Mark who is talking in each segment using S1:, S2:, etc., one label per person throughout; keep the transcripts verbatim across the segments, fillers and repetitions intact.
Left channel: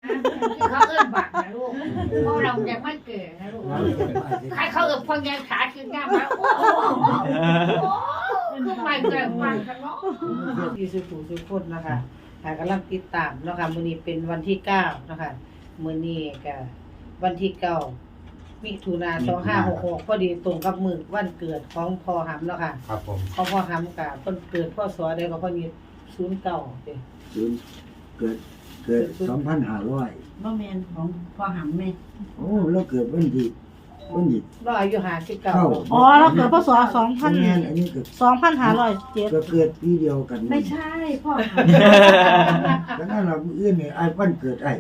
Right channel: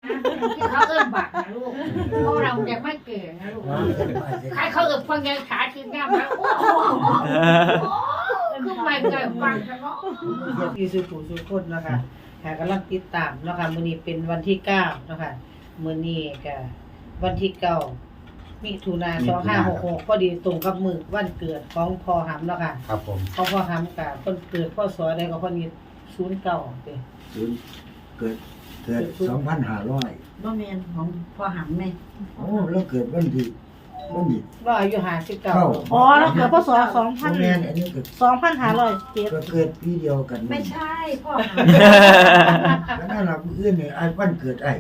S1: ที่เขาเอิ้นบักนะลูกเพราะเรายังไม่เก่นะลูกใครเขาเอิ้นฟังแกงขาขึ้นหน้ามาโอ้โหคือไม่เคยฟังกันเนาะอยู่สุขุสุขคนเนาะค่ะหากำลังติดตามเนาะค่ะมื้อนี้เป็นวันที่เก้าเนาะค่ะมื้อนี้ก็วันที่เก้ามิถุนายนสองพันห้าร้อยหกสิบหกพอดีตรงกับมื้อวันเกิดของพ่อหำเนาะค่ะ
S2: ครับผม
S1: ของพ่อหำก็เพิ่นเกิดพศใดก็เพิ่นนี่ศูนย์เก้าติ
S3: ศูนย์เกิดเกิดสองพันห้าร้อย
S4: บ่แม่นของพ่อหำแม่
S3: โอ้เราเกิดวันที่วันที่
S1: เราอายุห้าสิบเก้า
S4: อ๋อเราเกิดพศสองพัน
S3: แม่นอันนี้เกิด
S4: สองพันห้าร้อยเจ็ด
S3: ก็เกิดปีเดียวกัน
S4: ไม่ใช่พ่อห
S3: แล้วนั่นเราผู้อื่นเนี่ยไอ้วันเกิดไอ้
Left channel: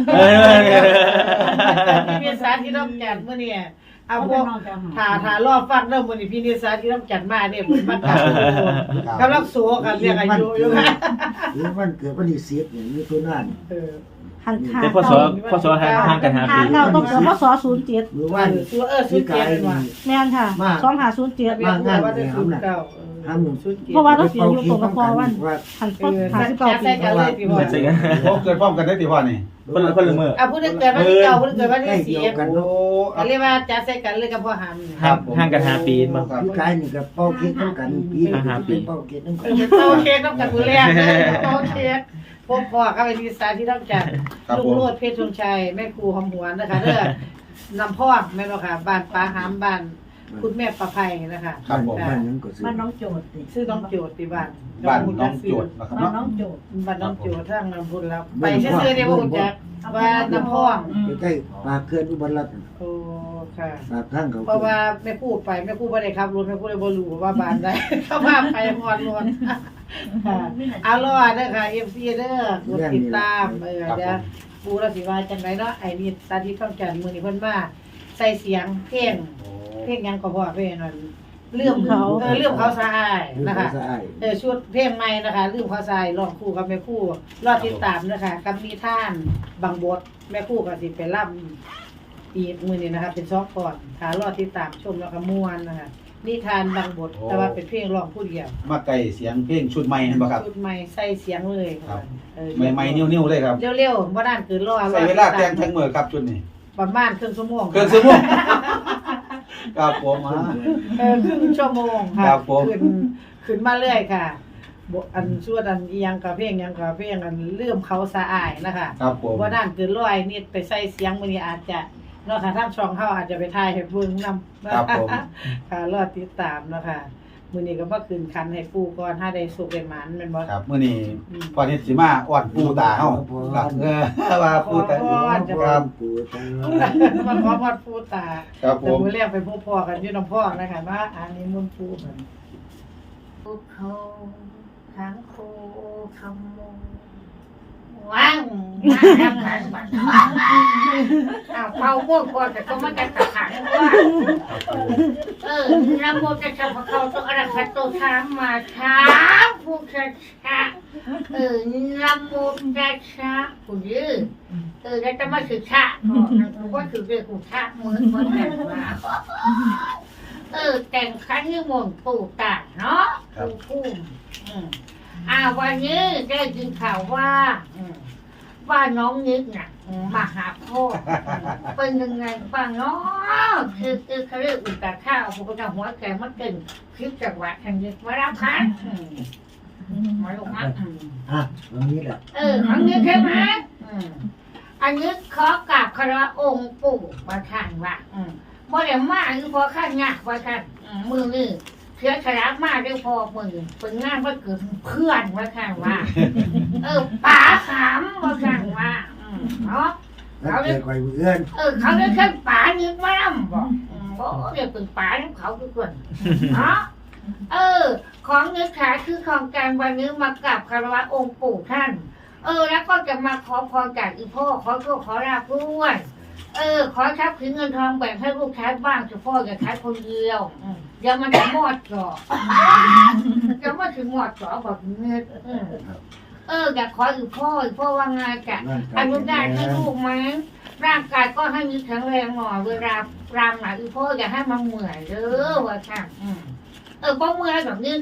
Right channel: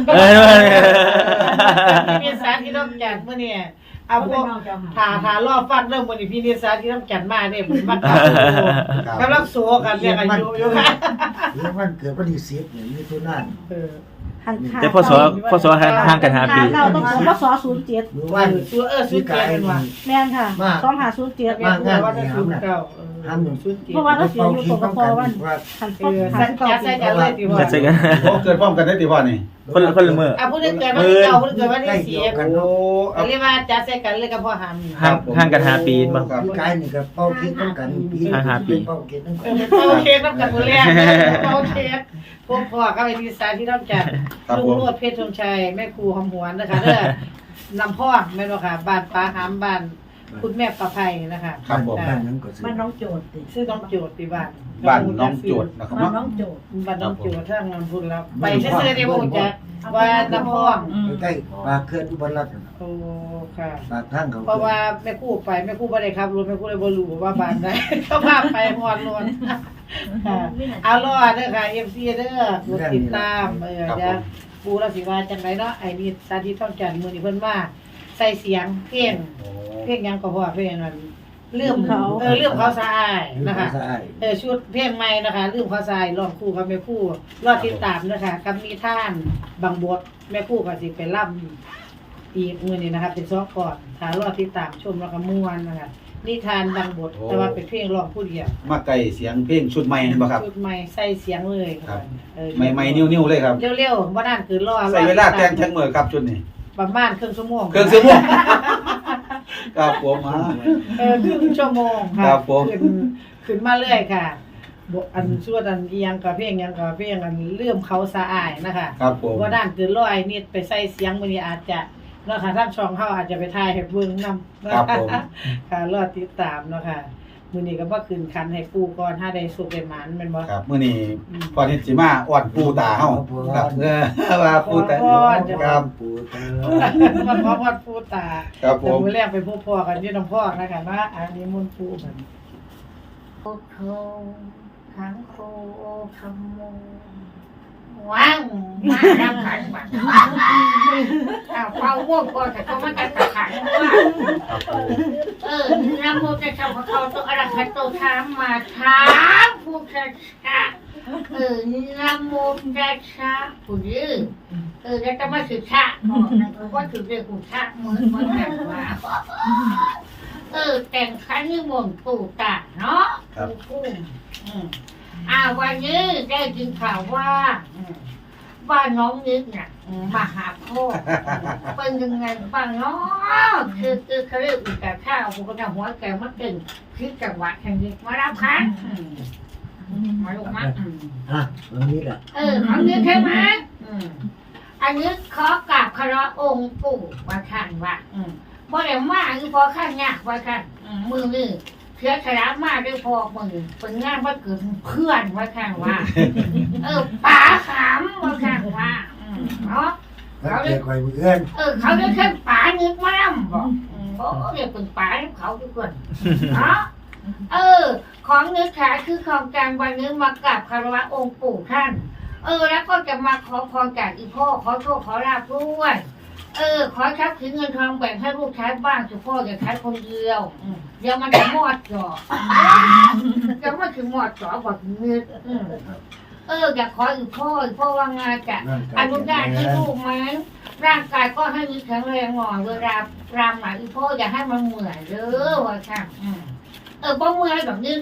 S1: พี่นิสาที่ต้องจัดมื้อนี้
S4: ำ
S1: เอาพวก
S4: น้องเจ้าห
S1: ถ้าถ้ารอฟังเรื่องมื้อนี้พี่นิสาที่ต้องจัดมาเนี่ยเหมือนมันกำลังโซกันเรียกอายุอยู่ค่ะ
S3: หรือวันเกิดวันที่สิบเนี่ยมีตัวนั่น
S1: เออ
S4: หันขา
S5: แต่พศพศห่างกันห้าปี
S4: เราต้องพศศูนย์เจ็ด
S3: หรือ
S1: วั
S3: ว่าน
S1: ซื้อเออซื้อเกียร์กันว่า
S4: แม่นค่ะสองห้าศูนย์เจ็ด
S1: ทะเบียนผู้ว่าจะศูนย์เก้าเออ
S3: ห้ามหนุ่ม
S1: ศูนย์เกีย
S4: เพราะว่า
S1: ร์
S4: เราเสียอยู่ตรงกับพ่อวัน
S3: ว่า
S4: หัน
S1: เอ
S4: ต้น
S1: อ
S4: หั
S1: สั
S4: น
S1: ก
S4: เก้า
S1: จัด
S4: ปี
S1: ใส่กันเลยที่
S5: เหมื
S1: ว่า
S5: อนกัน
S2: โอ้เกิดพร้อมกันได้ติพ่อนี่
S5: คนละคนละมือ
S1: อ่ะผู้ที่เกิดวันที่เก้าผู้ที่เกิดวันที่สี่
S2: โอ้
S1: ก็เรียกว่าจัดใส่กันเลยกับพ่อหำ
S5: ห่างห่างกันห้าปีมั้ง
S2: ครับ
S3: พี่กายนี่ก็เป้าเค้กต้องกันปี
S5: อ่าฮะปี
S3: เป้าเค้กต้อง
S1: เอ
S3: กัน
S1: อเป็นเป้าเค้กต้องกันมื้อแรกเด้อเป้าเค้กพวกพ่อก็ไปดีไซน์ที่ต้องจัด
S2: ครับ
S1: ลุ
S2: ผ
S1: ง
S2: ม
S1: โรดเพชรธงชัยแม่ครูหอมหวนนะคะเด้อนำพ่องแม่นบ่ค่ะบ้านป้าหามบ้านคุณแม่ประไพนะคะ
S2: ครับผม
S3: บ้านนั้นก็ซื้อ
S4: มันน้องโจทย์ติ
S1: ชื่อน้องโจทย์ที่บ้าน
S2: บ้านน้องโจทย์นะครับ
S4: มัน
S2: เนาะ
S4: น้องโจทย์
S1: บ้านน้องโจทย์ทางนำบุญแล้วไปซื่อๆเดียวบ่รู้จักว่าน้ำพ่อง
S3: ใกล้ๆปากเขื่อนอุบลรัตน์นั่น
S1: โอ้ค่ะ
S3: ปากทางเขา
S1: เพราะว่าแม่ครูไปแม่ครูบ่ได้ขับรถแม่ครูเลยบ่รู้ว่าบ้านใด เขาพาไปฮอดรถค่ะเอาล่ะเด้อค่ะ เอฟ ซี เด้อกดติดตามเออเดี๋ยวปูเราสิว่าจังไดเนาะไอ้นี่ตาที่ต้องจัดมื้อนี้เพิ่นมาใส่เสียงเพลง
S2: โอ้
S1: เพลงหยังก็พอเพลงนั้นลืมเขาเออลืมเขาสะอายนะคะ
S3: สะอาย
S1: เออชุดเพลงใหม่นะคะลืมเขาสะอายร้องคู่กับแม่ครู่รอติดตามนะคะกับมีท่านบางบทแม่ครู่ก็สิไปร่ำอีกมื้อนี้นะคะเป็นซอกก่อนถ้ารอติดตามชมแล้วก็ม่วนนะคะนิทานบางบทแต่ว่าเป็นเพลงร้องผู้เดียว
S2: มาไกลเสียงเพลงชุดใหม่เห็นบ่ครับ
S1: ชุดใหม่ใส่เสียงเลย
S2: ครับ
S1: เออ
S2: ใหม่ๆนิ้วๆเลยครับ
S1: เร็วๆบ่นานเกินรอ
S2: ใส่เวลาแต่งทั้งมื้อครับชุดนี้
S1: ประมาณครึ่งชั่วโมง
S2: เครื่องซื้อม่วงครับผมฮะ
S1: เออครึ่งชั่วโมงค่ะ
S2: ครับผม
S1: ขึ้นขึ้นมาเรื่อยค่ะบอันชั่วอันอีหยังกับเพลงหยังกับเพลงอันเลื่อมเขาสะอายนะคะ
S2: ครับผม
S1: ว่าด้านเกินร้อยนิดไปใส่เสียงมื้อนี้อาจจะเนาะค่ะทางช่องเฮาอาจจะไปถ่ายให้เบิ่งนำ
S2: ครับผม
S1: ค่ะรอติดตามเนาะค่ะมื้อนี้ก็บ่ขึ้นคันให้ปู่ก่อนถ้าได้สุขได้หมานแม่นบ่
S2: ครับมื้อนี้พอนี้สิมาอ้อนปูตาเฮาครับเออว่าปูตาครับ
S3: ปูตา
S1: มาขอพรปู่ตา
S2: ครับผ
S1: แต่
S2: ม
S1: มื้อแรกไปพบพ่อกันอยู่น้ำพ่อนะคะว่าอันนี้มนต์ปู่มันโอ้โหทั้งโคคำโมว้าวมาทำขันบัตรอ้าวเป่าม่วงก่อนแต่ก็มันจะขัดขันว่า
S2: ครับผม
S1: เออนะโมจะทำพระเขาตัวอะไรคะตัวช้างมาช้างผู้ชาชาเออนะโมจะช้าผู้ยืดเออแล้วจะมาสื่อชาก็ถือเรื่องของชาเหมือนเหมือนกันว่าเออแต่งขันนิมนต์ปู่ตาเนาะปู่พุ่มอืมอ่าวันนี้ได้ยินข่าวว่าอืมว่าน้องนิดเนี่ยมาหาพ่อเป็นยังไงบ้างเนาะคือคือเขาเรียกอุตส่าห์ข้าวผมก็จะหัวแกมันเก่งคิดจังหวะแห่งนี้มารับคันมาลูกมั้ง
S3: อ่ะวันนี้แหละ
S1: เออของนี้ใช่ไหมอืมอันนี้ขอกราบคารวะองค์ปู่ว่าท่านว่าอืมบ่ได้มาคือพอข้างงาว่าท่านมือนี่เชื้อชรามาด้วยพอมือเป็นงานว่าเกิดเพื่อนว่าท่านว่า เออป๋าขำว่าท่านว่าอืมเนาะ
S3: แล้วเกิดคอยเพื่อน
S1: เออเขาเรียกแค่ป๋านึกมาล่ำบอกอืมบอกเรียกเป็นป๋าของเขาทุกคนเนาะเออ ของเนื้อขาคือของกลางวันนี้มากราบคารวะองค์ปู่ท่าน เออ แล้วก็จะมาขอพรจากอีพ่อขอโชคขอลาภด้วยเออ ขอทรัพย์สินเงินทองแบ่งให้ลูกใช้บ้างเฉพาะอย่าใช้คนเดียวอืมเดี๋ยวมันจะมอดจ่อจะมาถึงมอดจ่อบอกเงินอืมเอออยากขออีพ่ออีพ่อว่างานจะ อนุญาตให้ลูกไหมร่างกายก็ให้มีแข็งแรงหน่อยเวลารำหน่อยอีพ่ออย่าให้มันเหนื่อยเด้อว่าค่ะอืมเออป้องเมื่อยแบบนี้ค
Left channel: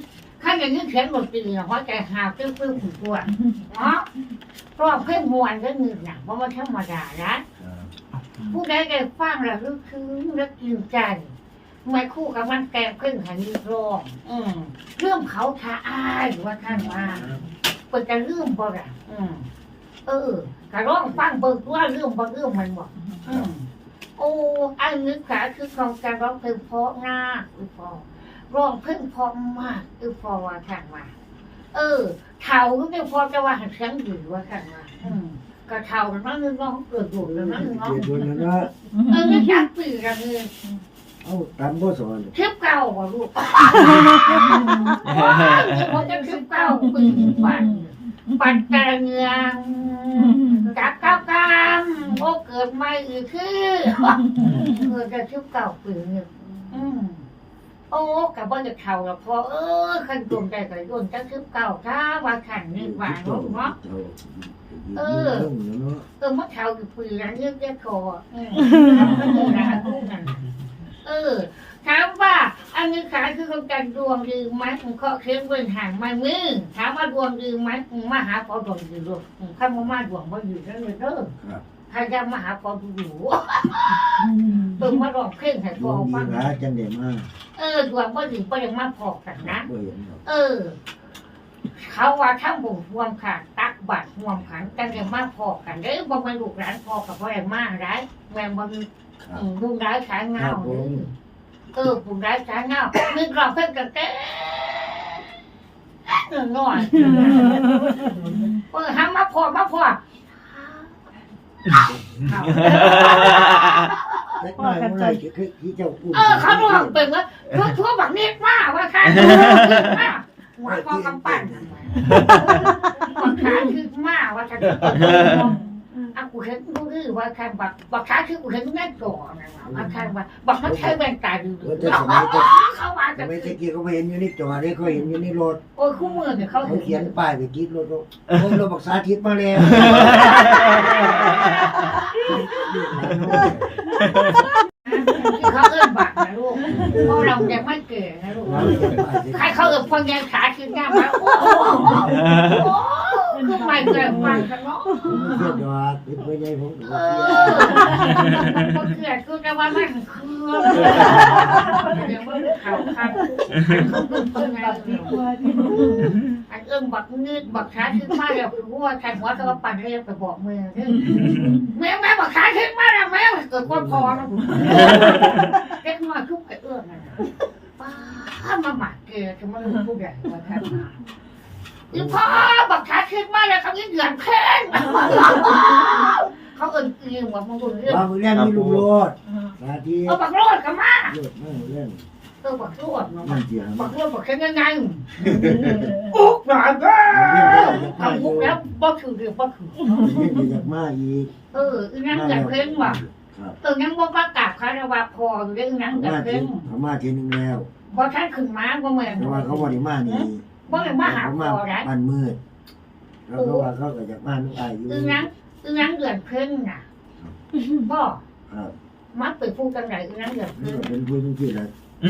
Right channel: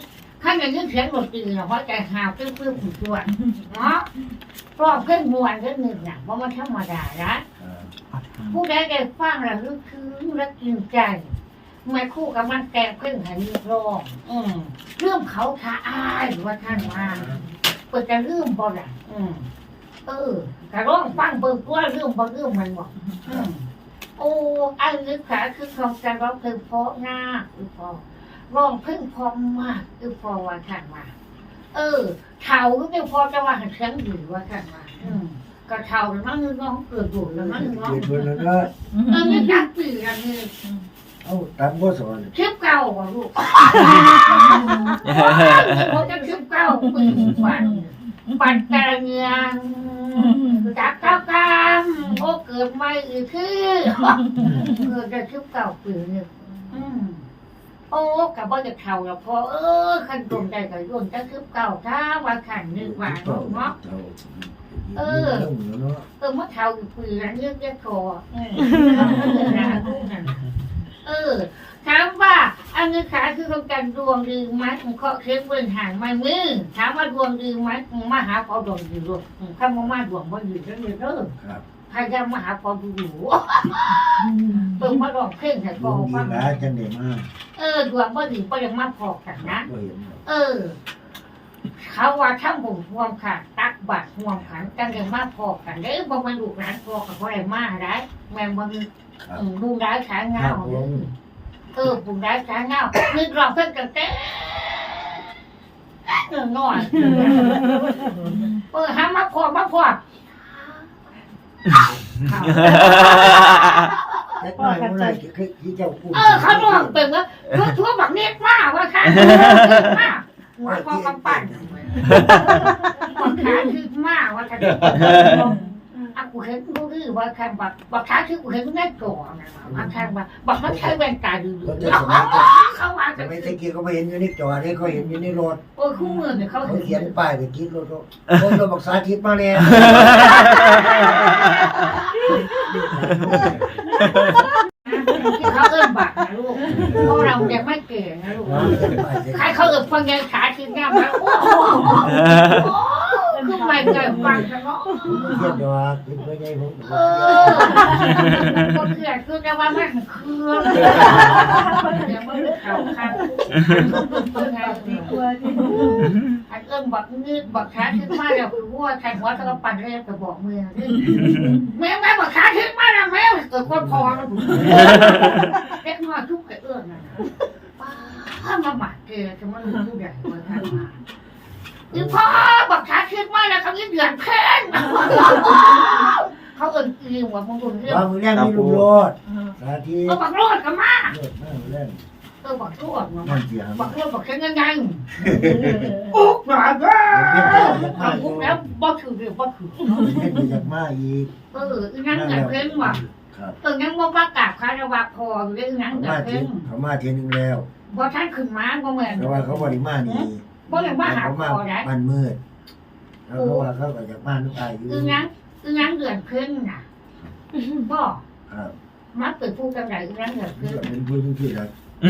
S1: ข้าอย่างนี้เขียนบทตีเนาะเพราะใจหาวเพิ่มเพิ่มขุ่นตัวเนาะร้องเพิ่มมวนก็หนึ่งนะเพราะมันธรรมดานะผู้ใดได้ฟังแล้วลึกซึ้งและกินใจไม่คู่กับมันแก่เพิ่งหันร้องอืมเรื่องเขาท้าอายว่าท่านว่าเปิดจะเรื่องบ่ล่ะอืมเออกระร้องฟังเบิกว่าเรื่องบ่เรื่องมันบอกอืมโอ้อันนี้ขาคือของการร้องเพลงเพราะง่าคือพอร้องเพลงเพราะมากคือพอว่าท่านว่าเออเท่าไม่พอจะว่าหันเสียงดีว่าท่านว่าอืมก็เท่าแล้วนั่นนึงน้องเกิดบุญแล้วนั่นนึงน้อง
S3: เกิดวันนั้นนะ
S1: เออไม่ยักปีกันเลย
S3: เอ้าตามบ่สอน
S1: คลิปเก่าว่ะลูกเขาจะคลิปเก่าปีปันปันแต่เงียงจับเก้ากามโอ้เกิดไม่อีกคือเกิดจะคลิปเก่าปีนึงอืมโอ้กับว่าจะเท่าแล้วพอเออขันดวงใจกับดวงจะคลิปเก่าถ้าว่าขันนี่ว่าเนาะเออเออมาเท่าอยู่ปีนั้นเรื่องได้คออืมเออถามว่าอันนี้ขาคือของการดวงดีไหมเคาะเค้กเว้นห่างมามือถามว่าดวงดีไหมมาหาพอดวงดีลูกข้ามามาดวงมาอยู่นั่นเลยเด้อพยายามมาหาพอดูดูเติมมาดองเพ่งให้พ
S3: ด
S1: อ
S3: วงดี
S1: ฟัง
S3: หลายจังได๋มา
S1: เออดวงบ่ดีบ่ยังมาพอกันนะ
S3: บ่เห็น
S1: เออ เขาว่าทั้งบุญห่วมค่ะตักบาตรห่วมขันกันได้มาพอกันเด้อบ่มาลูกหลานพอกับบ่ได้มาได้แม่บ่ดูได้ขายเงาเด้อเออบุญได้ขายเงานึกรองเพิ่นกันเต้เออน้อยเออหามาพอมาพอ
S3: เล็กน้อยมันได้คือที่เจ้าพูด
S1: เออเขาลองเป็นว่าทั่วทั่วแบบนี้มากว่าค่ะมากหัวคอกำปั้นบักขาคือมากว่าค่ะอ่ะกูเห็นกูคือว่าค่ะบักบักขาคือกูเห็นแม่ก่อนนะว่าค่ะว่าบักมันใช้แว่นตาดูเขาว่า
S3: แต่
S1: จะ
S3: ไม่ตะกี้เขาไปเห็นอยู่ในจอนี่เขาเห็นอยู่ในรถ
S1: โอ้คู่มือเนี่ยเขา
S3: เขา
S1: เขี
S3: เขี
S1: ย
S3: ย
S1: น
S3: นป้ายไปติดรถรถรถบักสาธิตมาแล้ว
S1: ที่เขาเอิ้นบักนะลูกเพราะเรายังไม่เก่งนะลูกใครเขาเอิ้นพยังขาคือหน้ามาโอ้โหคือไม่เคยฟังกันเนาะ
S3: เขียนดอกเป็นตัวใหญ่ผม
S1: เออก็เขื่อนคือจะว่ามันเครื่องเดี๋ยวมันเข่าคันเพื่อนไงอันเอิ้นบักงืดบักขาขึ้นมาเดี๋ยวคือว่าใครหัวตะวันปั่นเรียบไปบอกมือแม่แม่บักขาขึ้นมาแล้วแม่เกิดคนพอแล้วผมแค่มาทุกไอ้เอื้อนน่ะป้ามาหมักเกลือจะมาลงทุกอย่างมาทำมาอีพ่อบักขาขึ้นมาแล้วเขายิ่งเดือดแค้นเขาเอิ้นอีหัวมงคลเรื่อง
S3: ว่ามึงเลี้ยงมีลูกรถสาธิต
S1: เอาบักโลดกันมา
S3: รถนั่งเล่น
S1: เออบักโลดเนาะ
S3: นั่นเสียง
S1: บักโลดบักเช่นยังไงอุ๊กหลานเด้อทำอุ๊กแล้วบ่ถือเรื่องบ่ถือ
S3: เล่นอยากมาอีก
S1: เอออีนั่งอยากเพ่งว่ะ
S3: ครับ
S1: เออยังบ่ประกาศคารวะพออยู่เรื่องนั่งอยาก
S3: มา
S1: เพ่
S3: ที
S1: ง
S3: เขามาทีนึงแล้ว
S1: บ่ท่านขึ้นมาบ่แม่น
S3: แต่ว่าเขาบริมานี่
S1: บ่ได้มาหา
S3: เขา
S1: พ
S3: มา
S1: อได้
S3: บ้านมืดแล้วเขาว่าเขาก็อยากมาลูกอายอยู่
S1: อีนั่งอีนั่งเดือนเพ่งน่ะบ่
S3: ครับ
S1: มักเป็นผู้จังไดอีนั่งเดือน
S3: นี่
S1: เพ่ง
S3: ก็เป็นผู้ที่รัก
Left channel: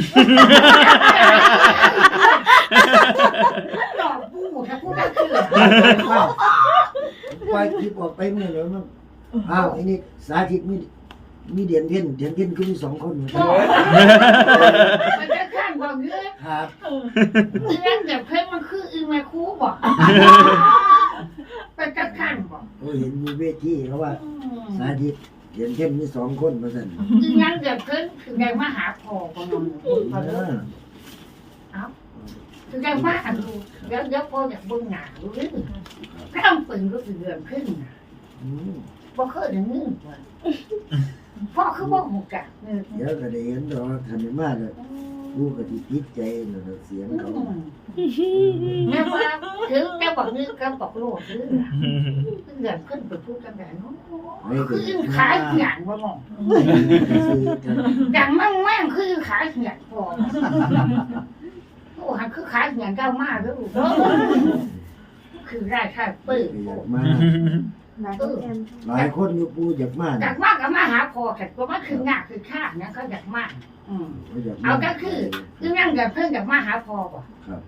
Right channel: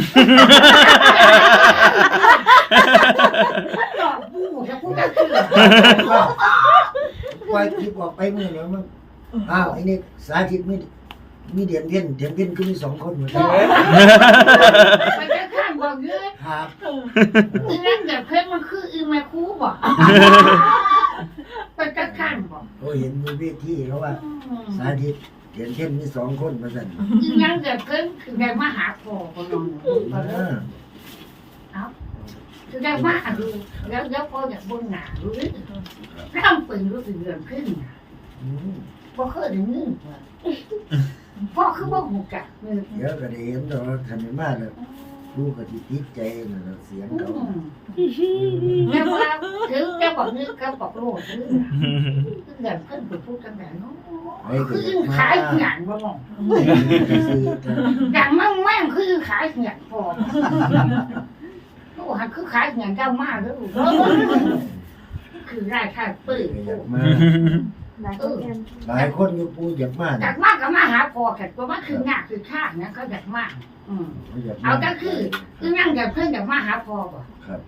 S1: ดอกบูถ้าพูดได้คือ
S3: ปล่อยคลิปออกไปมือแล้วมั้งอ้าวไอ้นี่สาธิตมีมีเดือนเพี้ยนเดือนเพี้ยนขึ้นมีสองคนเหมือนกัน
S1: ไปจะข้างบ่เยอะ
S3: ครับ
S1: อีนั่งเดือนเพ่งมันคืออีแม่ครูบ่ไปจะข้างบ่
S3: เขาเห็นมีเวทีเขาว่าสาธิตเดือนเพี้ยนมีสองคนมาสั่น
S1: อีนั่งเดือนเพ่งคือได้มาหาพ่อบ่นอนบ่เด้อ คือได้มากดูแล้วแล้วพออยากเบิ่งหน้าดูนี่ร่ำปืนรู้สึกเดือนขึ้นบ่เคยได้ยินว่าพ่อคือบ่ฮู้จักนี่
S3: เดี๋ยวก็ได้เห็นแต่ว่าคันนี้มาแล้วผู้ก็สิติดใจแล้วก็เสียงเขา
S1: แม่ว่าถึงแต่บอกนี่ก็บอกโลดนี่เดือนขึ้นไปพูดกันแบบนั้นคืออึ้งขายหยังบ่มองอย่างมั่งแม่งคือขายหยังพอโอ้หันคือขายหยังเจ้ามากแล้วลูกคือได้ค่าปื้อ
S3: อยากมา
S1: เออ
S3: หลายคนอยู่ปูอยากมา
S1: อยากมากก็มาหาพอแต่ตัวมันคือหนักคือข้างนะเขาอยากมากอืมเอาก็คือคือนั่งอยากเพิ่งอยากมาหาพอป่ะ
S3: ครับ
S1: เ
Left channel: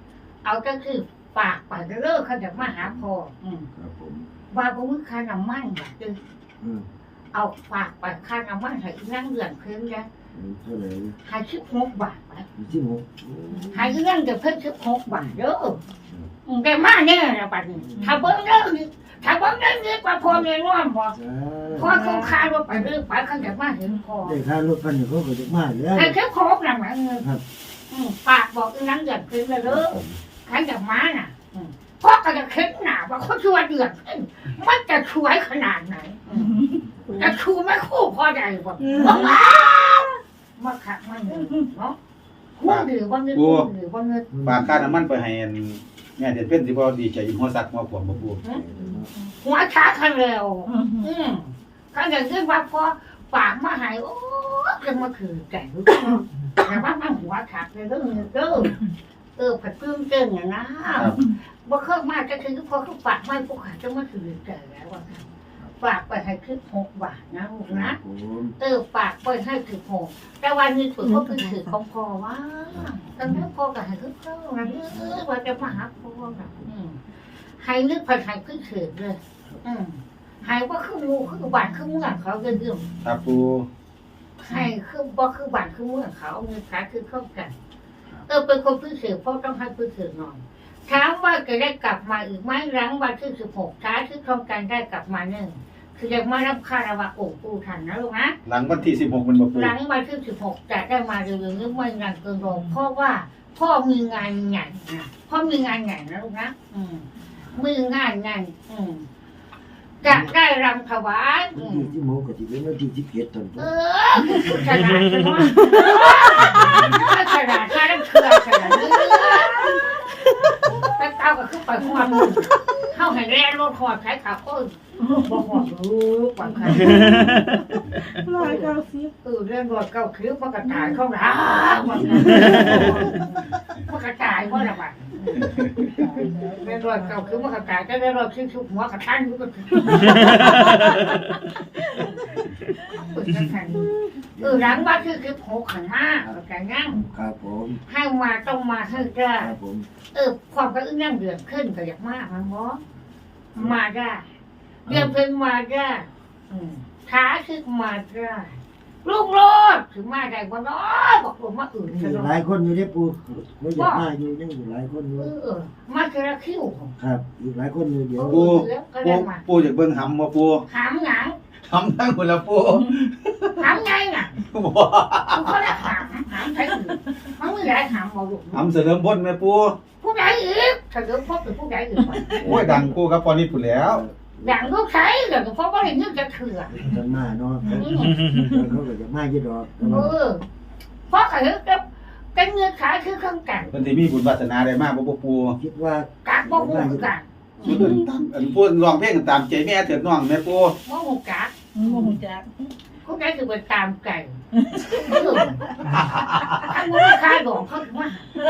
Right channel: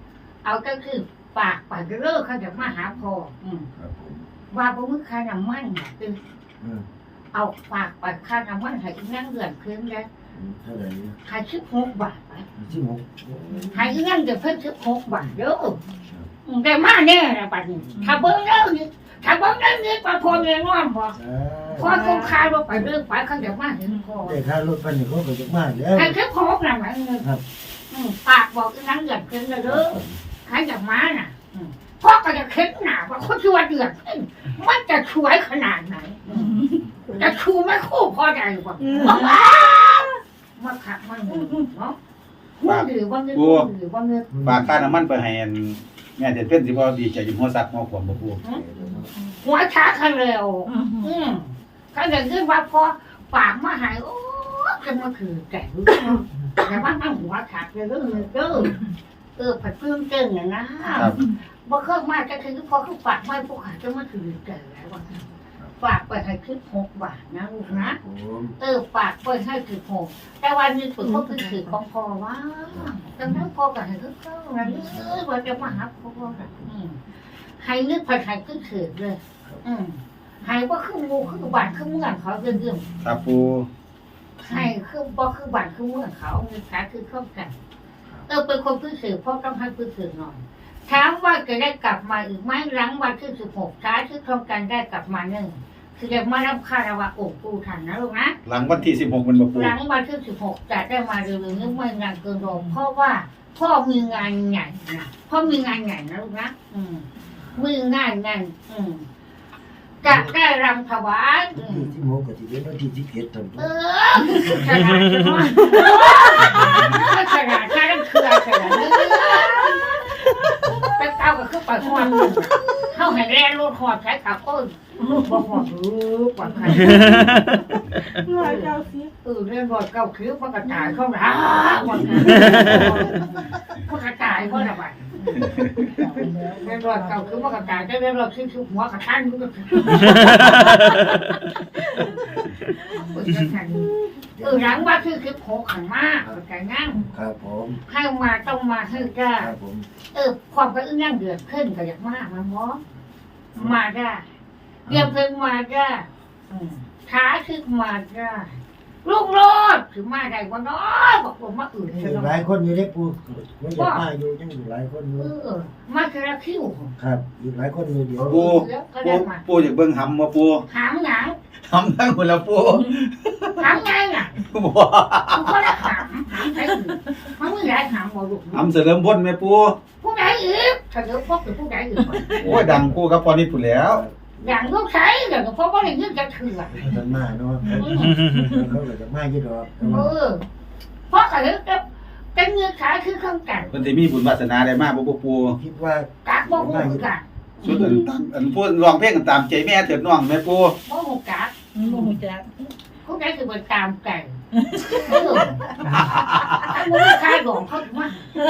S1: เอาก็คือปากปากเลิกเขาจะมาหาพ่ออืม
S3: ครับผม
S1: ว่าบ่มีค่าน้ำมันน่ะคือ
S3: อืม
S1: เอาปากปากค่าน้ำมันให้นั่งเดือนเพิ่มนะ
S3: เท่าไหร่
S1: ให้สิบหกบาทไป
S3: สิบหก
S1: ให้นั่งเดือนเพิ่มสิบหกบาทเด้ออืมได้มาแน่นะบัดนี้ถ้าเบิ่งเด้อนี่ถ้าเบิ่งเด้อนี่ว่าพ่อแน่นอนบ่พ่อคงคาว่าไปเรื่องไปเขาจะมาเห็นพ่อ
S3: ได้ค่ารถพันหนึ่งเขาก็จะมาแล้ว
S1: ให้สิบหกน่ะมันเงิน
S3: ครับ
S1: อืมปากบอกนั่งเดือนเพิ่มแล้วเด้อใครจะมาน่ะอืมพ่อก็จะเข็นหนาว่าคนชั่วเดือดขึ้นมันจะช่วยขนาดไหนอืมจะชูไม่คู่พอใจกว่ามาขักมันเนาะหุ้นหรือว่าเงินหุ้นหรือว่าเงิน
S2: ฝากค่าน้ำมันไปให้อันแม่เด็ดเป็นสิบ่ดีใจยินหัวซักหัวขวมบ่ปู
S1: หัวช้าคันเร็วอืมเขาจะขึ้นว่าพอปากมาหายโอ้จะมาคือแก่รู้แต่ว่ามันหัวขาดเลยเรื่องเงินเด้อเออผัดตื้นเก่งอย่างนะครับ บ่เครื่องมากก็คือพอเขาฝากไม่พวกขาจะมาถือแก่แล้วว่าฝากไปให้คือหกบาทนะลูกนะ
S3: ผม
S1: เออฝากไปให้คือหกแต่วันนี้ฝึกเขาคือถือของพ่อว่าแต่แม่พ่อกับให้คือเขานะเออว่าจะมาหาพ่อแบบให้นึกผัดให้คือถือเลย อืมให้ว่าคืองูคือบานคือเมืองเขาเรื่อง
S2: ครับปู
S1: ๆให้คือบ่คือบานคือเมืองเขามีขาคือเข้ากันเออเป็นคนพื้นถือพ่อต้องให้พื้นถือหน่อยถามว่าจะได้กลับมาอีกไหมหลังวันที่สิบหกช้าที่โครงการได้กลับมาหนึ่งคือจะมารับค่าระวะโอ้ปูทันนะลูกนะ
S2: หลังวันที่สิบหกมันบ่ปู
S1: หลังวันที่สิบหกจะได้มาเร็วๆนี้ไม่นานเกินรอเพราะว่าพ่อมีงานใหญ่นะพ่อมีงานใหญ่นะลูกนะอืมมีงานใหญ่อืมจะได้รำถวายอืม
S3: ที่ที่โมกับที่เป็นวันที่สิบเอ็ดตอน
S1: เออขนาดจะว่าขนาดถ้าต้องเครือขนาดนี้ไปเต้าก็ขึ้นไปหอดเข้าให้แรงรถหอดใช้ขาก้นบ่หอดรู้กว่าใคร
S4: ร้อยเก้าสิบ
S1: เออเรื่องรถเก้าคิ้วมันกระจายเข้าหนามันมันกระจายเพราะอะไรเรื่องรถเก้าคิ้วมันกระจายแต่เรื่องรถคิ้วชุบหัวกระทันมันก็เออหลังว่าคือคือโผล่ขันมากแต่งั้น
S3: ครับผม
S1: ให้มาต้องมาให้ได้
S3: ครับผม
S1: เออความกระอึ้งนั่งเดือดขึ้นก็อยากมากมันบอมาได้เรียมเพิ่งมาได้ท้าคือมาได้ลูกโลดถึงมาได้บ่น้อยบอกผมมาอื่น
S3: มี
S1: จะ
S3: หลายคนอยู่ได้ปูไม่อยากมาอยู่ยังอยู่หลายคนอยู่
S1: เออมาเจอคิ้ว
S3: ครับอีกหลายคนอยู่เดี๋ยว
S2: ปูปูปูอยากเบิ่งหำบ่ปู
S1: หามหนัง
S2: หำทั้งคนละปู
S1: หามไงน่ะ
S2: บ่
S1: กูก็ได้หามหามใครอื่นมันไม่ได้หามบอกลูก
S2: หำเสริมพ้นแม่ปู
S1: ผู้ใดอีกถ้าเกิดพบเป็นผู้ใดอีก
S2: โอ้ยดังกูกับพอนิดพุ่นแล้ว
S1: อย่างลูกใช้เดี๋ยวเพราะว่าเรื่องจะเถื่อน
S3: ท่านมาเนาะเขาก็จะมาเยอะดอก
S1: เออเพราะเขาจะเป็นเงื่อนไขคือเครื่องกัน
S2: เพิ่นสิมีบุญวาสนาได้มากบ่ปู
S3: คิดว่า
S1: กักบ่หูกัน
S2: สุดอันตามอันพูดร้องเพลงกันตามใจแม่เถิดน้องแม่ปู
S1: บ่หูกัก
S4: โมโหจัก
S1: ผู้ใดคือเป็นตามไก่เออถ้ามึงคายหลงเขามา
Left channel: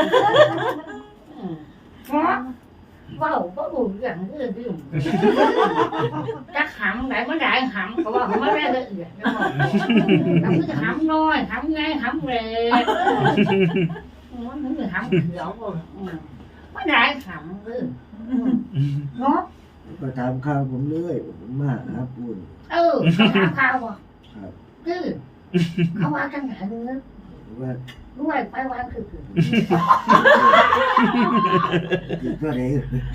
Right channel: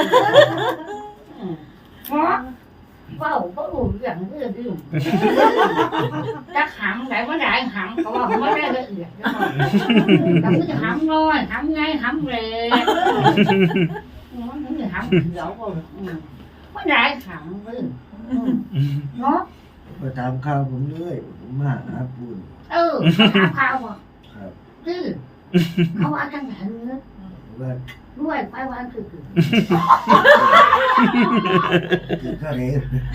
S1: เพราะว่าบ่รู้เรื่องเรื่องดื่มจักหำไหนมาได้หำก็ว่าไม่ได้ละเอียดนะแต่คือหำน้อยหำไงหำเล็กมันถึงหำเขียวไม่ได้หำเลยเนาะ
S3: มาถามข่าวผมเลยผมมาหาปู
S1: เออเขาถามข่าวบ่
S3: ครับ
S1: คือเขาว่าจังไหนเนื้อ
S3: ว่า
S1: ด้วยไปวางคือคือ
S3: อีกก็เลย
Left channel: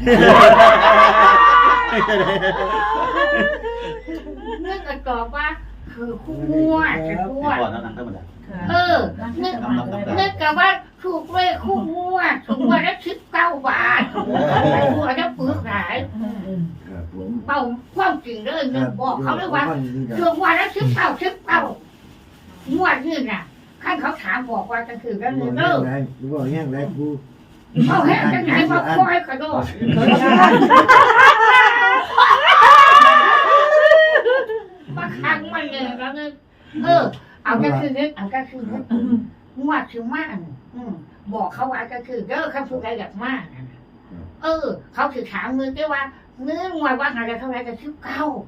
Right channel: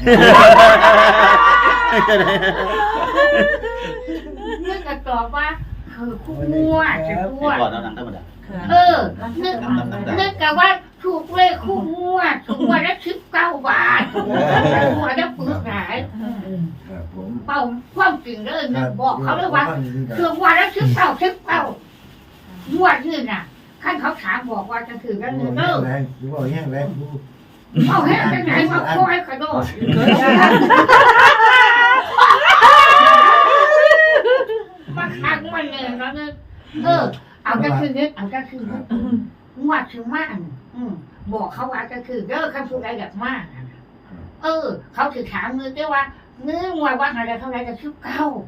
S1: เนื้อกระจอกว่าคือคู่งัวจะงัว
S2: ก่อนนั้นธรรมดา
S1: เออเนื้อเนื้อกะว่าถูกเลขคู่งัวถูกงัวได้สิบเก้าบาทงัวได้ปื้อหลาย
S3: ครับผม
S1: เป่าความจริงเลยนึกบอกเขาเลยว่าถูกงัวได้สิบเก้าสิบเก้างัวนี่น่ะขั้นเขาถามบอกว่าจะถือกัน
S3: บ
S1: เนื้
S3: อ
S1: อก เด้อ
S3: แรงบอกแห้งแรงปู
S1: เขาแห้งจังไหนมาคอยกระโดดมาขังมันเลยแล้วนึกเออเอาก็คือนึกเอาก็คือนึกงวดคือมากบอกเขาว่าก็คือเด้อเขาพูดอะไรแบบมากเออ เขาถือถามมือได้ว่าเนื้องวดว่าอะไรเท่าไรจะชิบเก้า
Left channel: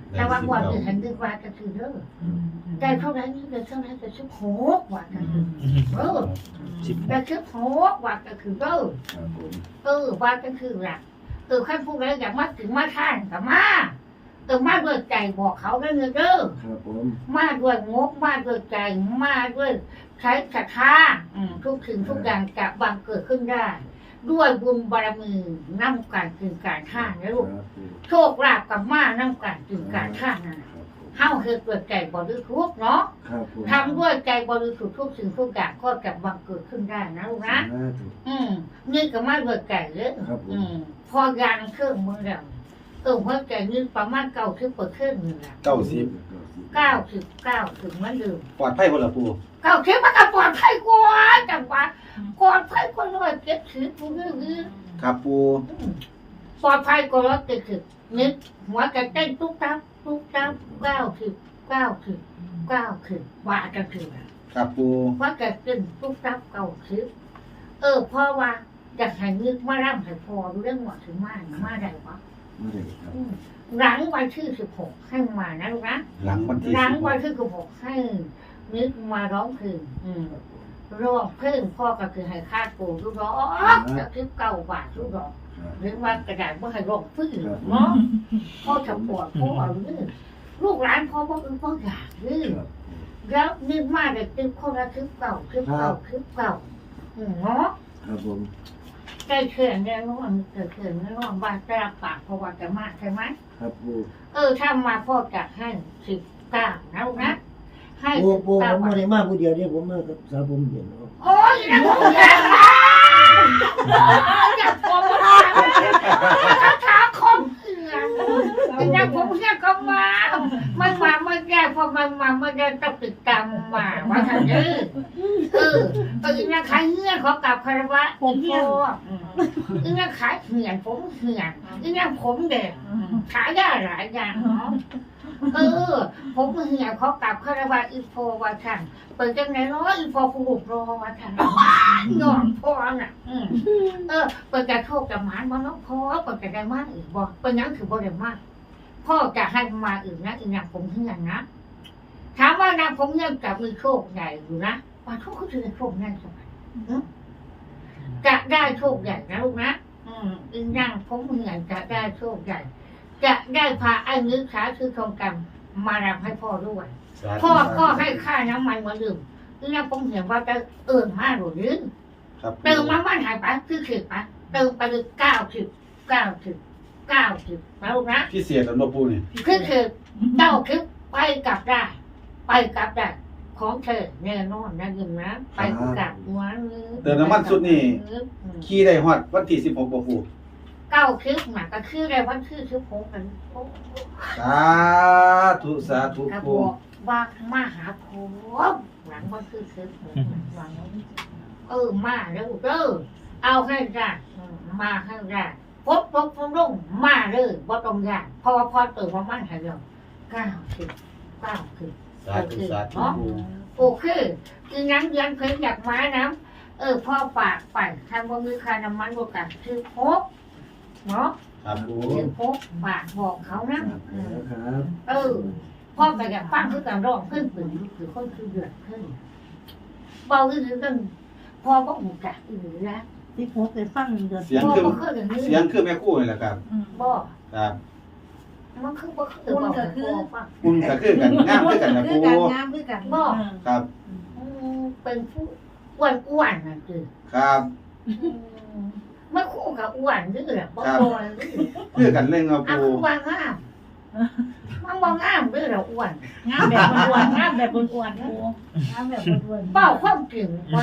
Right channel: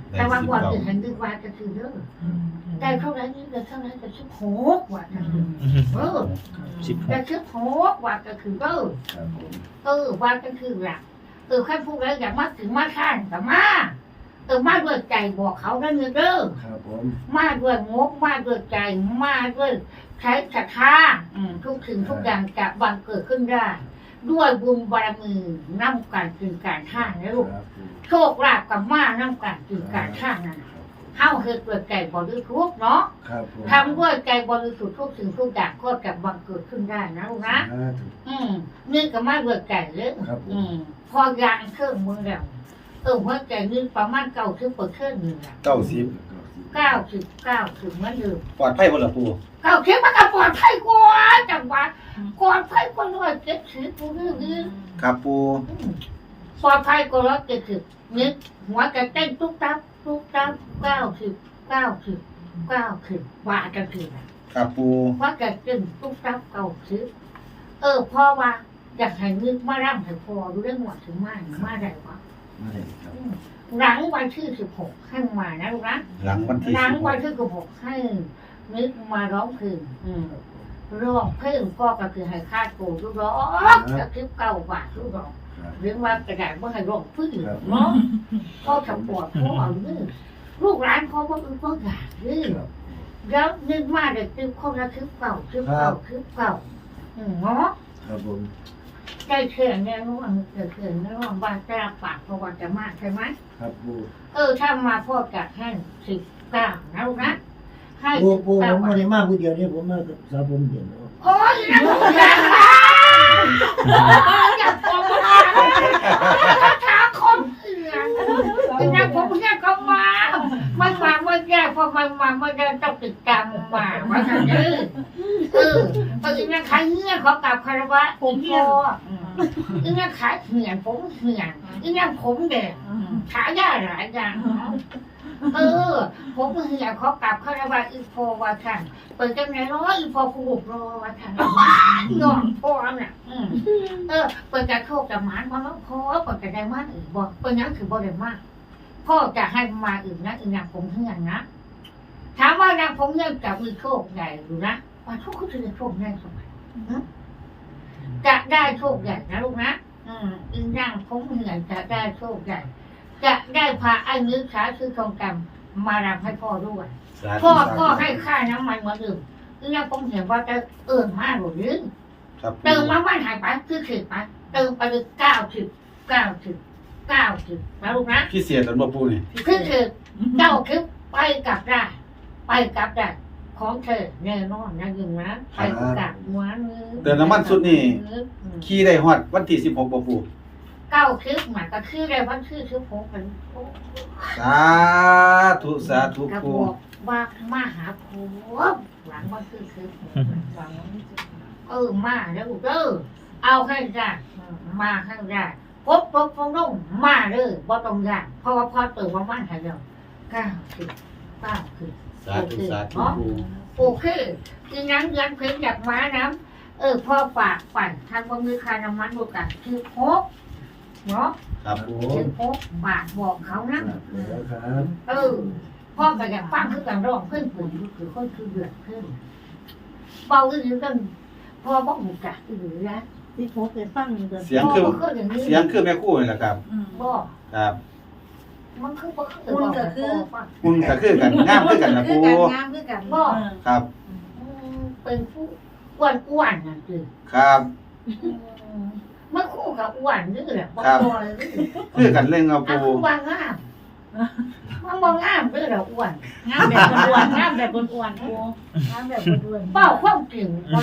S1: แต่ว่าวันที่เห็นดีว่าก็คือเด้อได้เท่าไหร่นี่ได้เท่าไหร่ก็สิบหกว่าก็คือเออ
S5: สิบห
S1: ได้
S5: ก
S1: สิบหกว่าก็คือเด้อ
S3: ครับผม
S1: เออว่าก็คือหลักเออขั้นผู้ใดอยากมาถึงมาท่านก็มาเออมาด้วยใจบอกเขาได้เงินเด้อ
S3: ครับผม
S1: มาด้วยงบมาด้วยใจมาด้วยใช้ศรัทธาอืมทุกสิ่งทุกอย่างจะบังเกิดขึ้นได้ ด้วยบุญบารมีน้ำการกินการท่านะลูก
S3: ครับผม
S1: โชคลาภกับมาน้ำการกินการท่านั่นน่ะเฮาเฮ็ดด้วยใจบริสุทธิ์เนาะ
S3: ครับผม
S1: ทำด้วยใจบริสุทธิ์ทุกสิ่งทุกอย่างก็จะบังเกิดขึ้นได้นะลูกนะ
S3: สาธุ
S1: อืมนี่ก็มาด้วยใจเลย
S3: ครับผม
S1: อืมพอยางเครื่องมือแล้วเออหัวใจนี่ประมาณเก้าสิบเปอร์เซ็นต์นี่แหละ
S2: เก้าสิบ
S1: เก้าสิบเก้าถึงเหมือนเดิม
S2: ปลอดภัยบ่ล่ะปู
S1: เก้าสิบมันก็ปลอดภัยกว่าจังหวะปลอดภัยกว่าร้อยเจ็ดสิบผู้อื่น
S2: ครับปู
S1: ปลอดภัยกว่าร้อยเจ็ดสิบนึกหัวใจเต้นตุ๊กตับตุ๊กตับเก้าสิบเก้าสิบเก้าสิบว่าจังคือแบบ
S2: ครับปู
S1: ว่าจะเต้นตุ๊กตับเก้าสิบเออพ่อว่าอยากให้นึกมาร่ำให้พอรู้เรื่องหมดถึงมามาได้ปะ
S3: ไม่ได้ครับ
S1: อืมหลังวันที่สิบหกให้มานะลูกนะ
S2: หลังวันที่
S1: หลัง
S2: สิบห
S1: วัน
S2: ก
S1: ที่สิบหกให้นึกมาร้องเพลงอืมร้องเพลงพ่อก็คือให้ค่าโกลูกร้องจะคิดเก้าบาทลูกร้อง
S3: ครับ
S1: หรือว่ากระดาษว่าให้ร้องพื้นเนาะพ่อทำปวดพ่อเอาเรื่องลูกหลานพ่อพ่อคือพ่ออยากเรื่อง
S3: ครับ
S1: แล้วนึกมาเด็กตึ๊บคนละคลิปเก่าคลิปเก่าคลิปเก่าอืมเนาะ
S3: ครับผม
S1: ได้เขื่อนแน่นอนเกิดเขื่อนแน่นอนบ้านจะรับปากเพราะว่าจะมากใช่ไหม
S3: ครับปู
S1: เออถ้ามาพ่อจัดให้สิบเก้านะลูกนะให้
S3: ปู
S1: สิบ
S3: ปูผ
S1: เก้าม
S3: มาได้มาผู้เดียวเนี่ยผมมากับสาวผมเดียว
S1: โอ้ยนะผมอยากมาอยากผมมาถ้าถามคนอื่นอยากผมอยากก็มาไม่มาไม่ได้เพราะไม่มาไม่ได้ต้องติดตามมาว่าท่านเออเออตอนนี้นะขายเงื่อนขอกลับคารวะผมพ่ออีนั่นขายเหื่อนผมเหื่อนอีนั่นผมแดงขายได้หลายอย่างเนาะเออ ผมเหี่ยเขากลับคารวะอีโฟว่าท่านเปิดจังไหนร้อยอีโฟผูกรอว่าท่านนอนพ่อน่ะอืมเออเปิดจะโชคจะหมานบ่เนาะพ่อเปิดจะได้มากอื่นบ่เปิดยังถือบ่ได้มากพ่อจะให้มาอื่นนะอีนางผมเหี่ยนนะถามว่านางผมเหี่ยนจะมีโชคใหญ่หรือนะว่าโชคก็จะได้โชคใหญ่สมัยจะได้โชคใหญ่นะลูกนะอืมอีนางผมเหี่ยนจะได้โชคใหญ่จะได้พาไอ้นึกขาคือทองคำมารับให้พ่อด้วย
S2: สาธุ
S1: พ่อ
S2: สาธุ
S1: ก็ให้ค่าน้ำมันเหมือนเดิมคือยังผมเห็นว่าจะเอิญมากหรือ
S2: ครับปู
S1: เติมน้ำมันหายไปคือสิบไปเติมไปเลยเก้าสิบเก้าสิบเก้าสิบนะลูกนะ
S2: พิเศษตอนบ่ปูนี่
S1: คือคือเก้าสิบไปกลับได้ไปกลับได้ของเธอแน่นอนนะยิงนะไปกลับหัวนึง
S2: เติมน้ำมันสุดนี่ขี่ได้ฮอดวันที่สิบหกบ่ปู
S1: เก้าสิบหมาก็คือได้วันคือสิบหกเป็น
S2: สาธุสาธุ
S1: กระ
S2: ปู
S1: บอกว่ามาหาผมหลังวันคือสิบหกหลัง เออมาแล้วเด้อเอาให้ได้อืมมาให้ได้พบพบพบลงมาเลยบ่ต้องยากเพราะว่าพอตื่นมามันให้เดียวเก้าสิบเก้าสิบ
S2: สาธุสาธุปู
S1: โอเคคือนั้นเดือนเพิ่งอยากมานะเออพ่อฝากปั่นทำบ่มีค่าน้ำมันบวกกันคือพบเนาะ
S2: ครับปู
S1: คือพบฝากบอกเขานะ
S3: ครับ
S1: อืม
S3: แล้วครับ
S1: เออพ่อก็อยากฟังคือการร้องขึ้นปืนคือคนคือเดือดขึ้นเบาขึ้นนึงพ่อบอกหมูกะอือนะ
S4: สิบหกเลยฟังเดือน
S2: เสียง
S1: พ่อ
S2: คือ
S1: บ่เคยอย่างนี้
S2: เสียงคือแม่ครู่นี่แหละครับ
S1: บ่
S2: ครับ
S1: มันคือบ่เคยบอกให้พ่อฟัง
S2: คุณก็คือกันงามคือกันนะปู
S4: งามคือกัน
S1: บ่
S2: ครับ
S1: อืมเป็นผู้อ้วนอ้วนๆน่ะจือ
S2: ครับ
S1: อืมมันคู่กับอ้วนนี่แหละบ่
S2: ครับ
S1: บ่เลย
S2: คือกันเล่นเอา
S1: อ่ะ
S2: ปู
S1: คือว่างามมันบ่งามเด้อละอ้วน
S4: งามแบบอ้วนงามแบบอ้วนๆโอ้งามแบบอ้วน
S1: เป้าความจริงบ่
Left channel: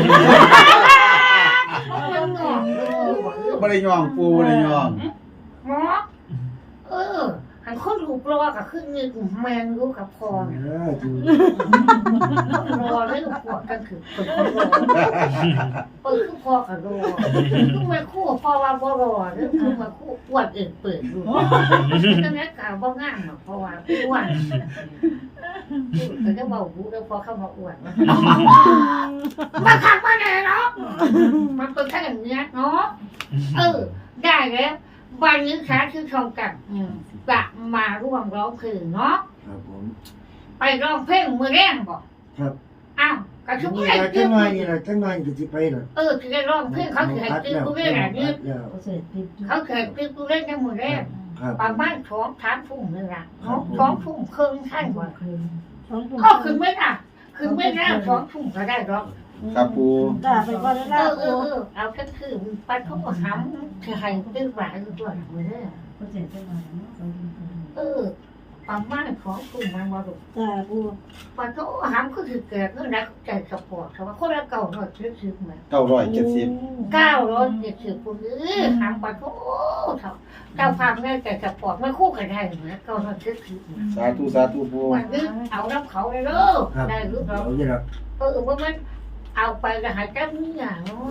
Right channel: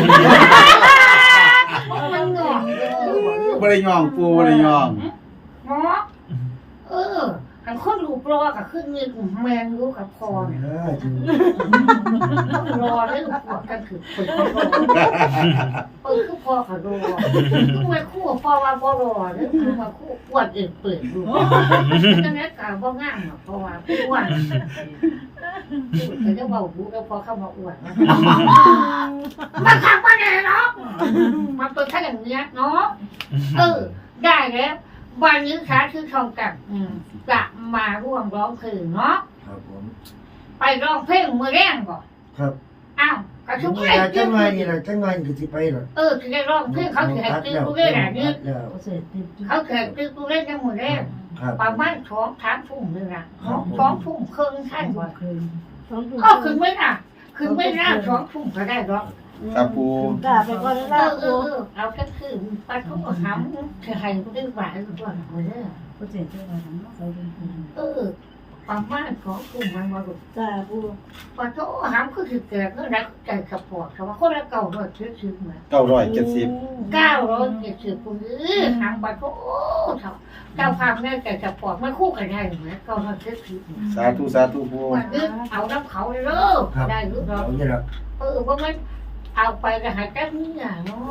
S1: มันงอกเด้อ
S2: บ่ได้ย่องปูบ่ได้ย่อง
S1: หมอเออหันคนรูปรอกับขึ้นนี่แมนรู้กับพอเนี่ย
S3: ได้ถูก
S1: ต้องรอได้ลูกหัวกันคือคนเขารอเปิดคือพ่อกับรอคือไม่คู่พ่อว่าบ่รอหรือคือมาคู่อ้วนเองเปิดดูดังนั้นกล่าวบ่งามหรอกเพราะว่าอ้วนแต่จะเบาหูแล้วพอเข้ามาอ้วนนะมาขังมาแน่เนาะมันเป็นแค่อย่างเงี้ยเนาะเออได้แล้ววันนี้ขาคือทองกับอืมจะมาร่วมร้องเพลงเนาะ
S3: ครับผม
S1: ไปร้องเพลงมือแรงบ่
S3: ครับ
S1: อ้าวกระชุบ
S3: นี่
S1: ไข่
S3: แหละจั
S1: จื้
S3: ง
S1: อ
S3: หน่อยนี่แหละจังหน่อยก็สิไปหรอก
S1: เออจะได้ร้องเพลงเขาแขกจื้อกูเล่นอะไรนี่
S3: แล้ว
S4: เสร็จติด
S1: เขาแขกจื้อกูเล่นในมือแรง
S3: ครับ
S1: ประมาณสองสามทุ่มนี่ละเนาะสองทุ่มครึ่งท่านบ่
S4: คืนสองทุ่ม
S1: ก็คือไม่น่ะคือไม่น่าสองทุ่มก็ได้หรอก
S2: ครับปู
S4: กล้าไปก่อน
S1: เอ
S4: แล้ว
S1: อเออเออเอาก็คือปลาทุกข์หำจะให้กูได้หวานกูด้วยมือแรง
S4: ก็เสร็จจังหวะนั้นสองทุ่มคืน
S1: เออประมาณสองทุ่มมันมาดู
S4: กล้าปู
S1: ปลาทุกข์หำคือถือแก่ก็ได้ใจสปอร์ตแต่ว่าคนละเก่าเลยชื่อชื่อเหมือน
S2: เก้าร้อยเจ็ดสิบ
S1: เก้าร้อยเจ็ดสิบปุ่นทำไปก็โอ้เท่าเจ้าพังแม่แต่จะปลอดไม่คู่กันได้เหมือนเก้าร้อยเจ็ดสิบ
S2: สาธุสาธุปู
S1: วันนี้เอาน้ำเขาเลยเด้อได้หรือเปล่า
S3: เอาอย่างละ
S1: เออว่ามันเอาไปก็หายใจมือเนาะ